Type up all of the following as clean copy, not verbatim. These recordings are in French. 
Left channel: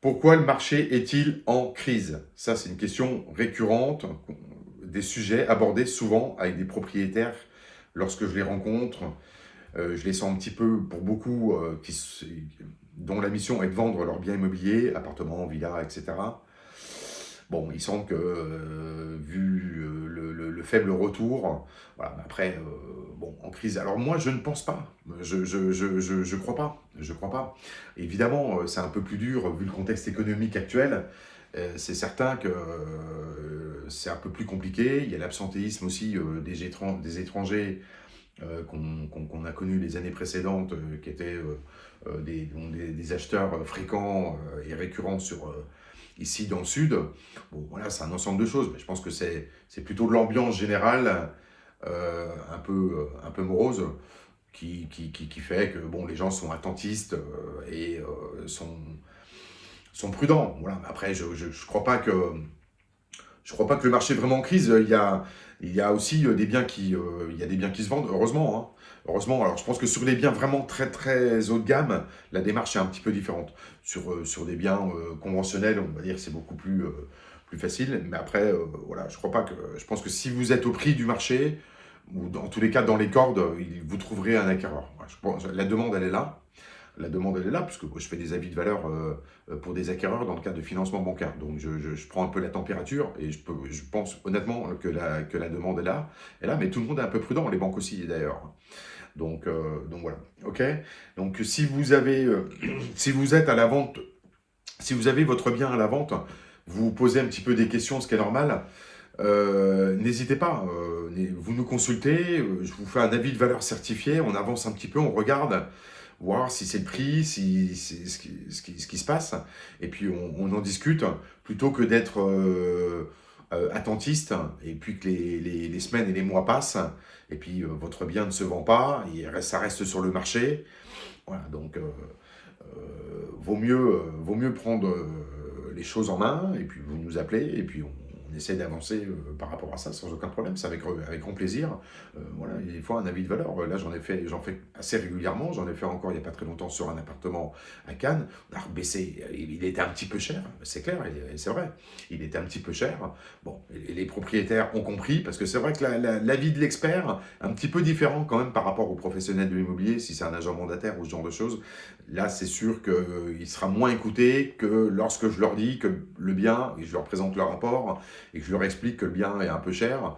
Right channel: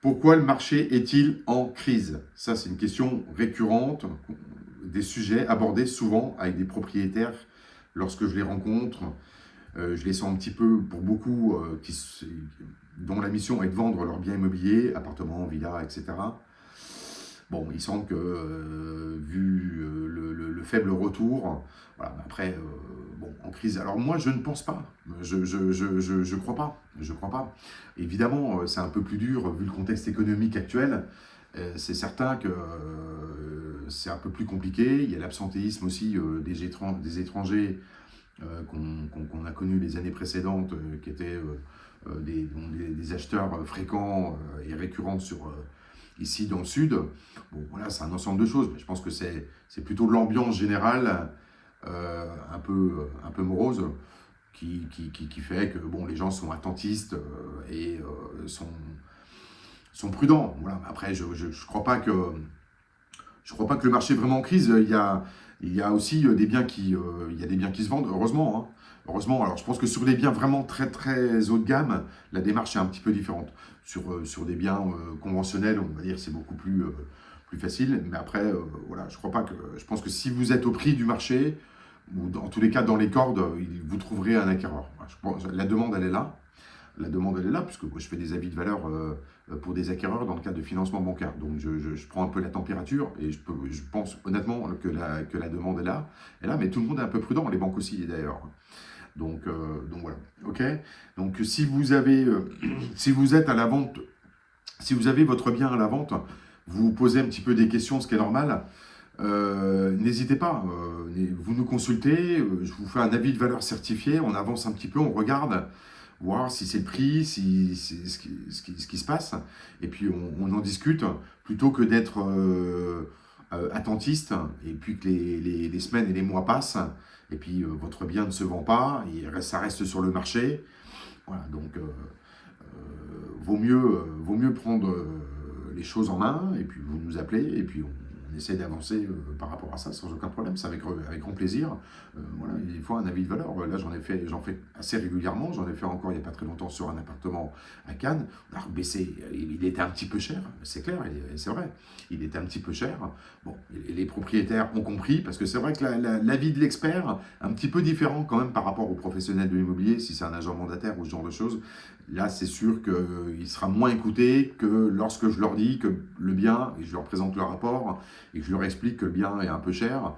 Pourquoi le marché est-il en crise? Ça, c'est une question récurrente, des sujets abordés souvent avec des propriétaires lorsque je les rencontre. Je les sens un petit peu, pour beaucoup, dont la mission est de vendre leurs biens immobiliers, appartements, villas, etc. Bon, il semble que, vu le faible retour, voilà, mais après, bon, en crise. Alors moi, je ne pense pas. Je crois pas. Je crois pas. Évidemment, c'est un peu plus dur vu le contexte économique actuel. C'est certain que c'est un peu plus compliqué. Il y a l'absentéisme aussi des étrangers qu'on a connus les années précédentes, qui étaient des acheteurs fréquents et récurrents ici dans le sud. Bon, voilà, c'est un ensemble de choses, mais je pense que c'est plutôt l'ambiance générale un peu morose qui fait que bon, les gens sont attentistes et sont prudents. Voilà. Après, je ne crois pas que le marché est vraiment en crise. Il y a aussi il y a des biens qui se vendent, heureusement, hein. Heureusement, alors je pense que sur des biens vraiment très très haut de gamme, la démarche est un petit peu différente. Sur des biens conventionnels, on va dire, c'est beaucoup plus facile. Mais après, voilà, je pense que si vous êtes au prix du marché, ou dans tous les cas dans les cordes, vous trouverez un acquéreur. Voilà, je pense, la demande, elle est là. La demande, elle est là, puisque je fais des avis de valeur pour des acquéreurs dans le cadre de financement bancaire. Donc, je prends un peu la température et je pense honnêtement que la demande est là, mais tout le monde est un peu prudent, les banques aussi d'ailleurs. Donc voilà, ok. Donc, si vous avez, si vous êtes à la vente, si vous avez votre bien à la vente, vous vous posez un petit peu des questions, ce qui est normal. N'hésitez pas, vous nous consultez, je vous fais un avis de valeur certifié, on avance un petit peu, on regarde, voir si c'est le prix, si c'est ce qui se passe, et puis on en discute, plutôt que d'être attentiste, et puis que les semaines et les mois passent, et puis votre bien ne se vend pas, et ça reste sur le marché. Voilà, donc vaut mieux prendre les choses en main, et puis vous nous appelez, et puis on essaie d'avancer par rapport à ça sans aucun problème, c'est avec grand plaisir. Voilà, il faut un avis de valeur. Là, j'en fais assez régulièrement. J'en ai fait encore il n'y a pas très longtemps sur un appartement à Cannes. Alors, baissé, il était un petit peu cher, c'est clair, c'est vrai. Il était un petit peu cher. Bon, les propriétaires ont compris, parce que c'est vrai que l'avis de l'expert, un petit peu différent quand même par rapport aux professionnels de l'immobilier, si c'est un agent mandataire ou ce genre de choses. Là, c'est sûr qu'il sera moins écouté que lorsque je leur dis que le bien, et je leur présente le rapport, et que je leur explique que le bien est un peu cher,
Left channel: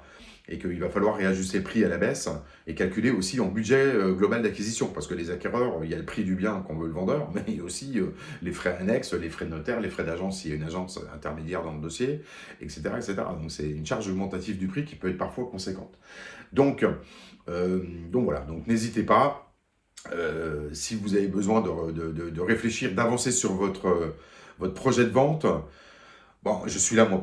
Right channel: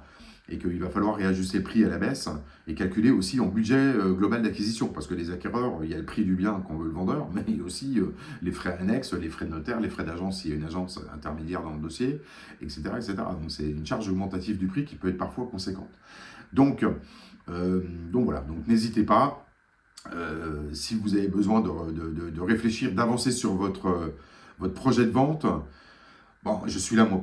et qu'il va falloir réajuster le prix à la baisse, et calculer aussi en budget global d'acquisition, parce que les acquéreurs, il y a le prix du bien qu'on veut le vendeur, mais il y a aussi les frais annexes, les frais de notaire, les frais d'agence s'il y a une agence intermédiaire dans le dossier, etc. etc. Donc c'est une charge augmentative du prix qui peut être parfois conséquente. Donc, donc voilà, donc n'hésitez pas. Si vous avez besoin de réfléchir, d'avancer sur votre projet de vente, bon, je suis là, moi,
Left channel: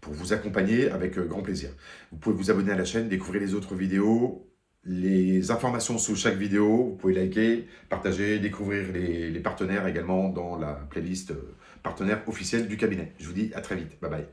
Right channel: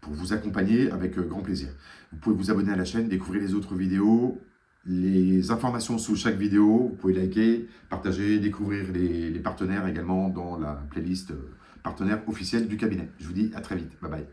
pour vous accompagner avec grand plaisir. Vous pouvez vous abonner à la chaîne, découvrir les autres vidéos, les informations sous chaque vidéo. Vous pouvez liker, partager, découvrir les partenaires également dans la playlist partenaires officiels du cabinet. Je vous dis à très vite. Bye bye.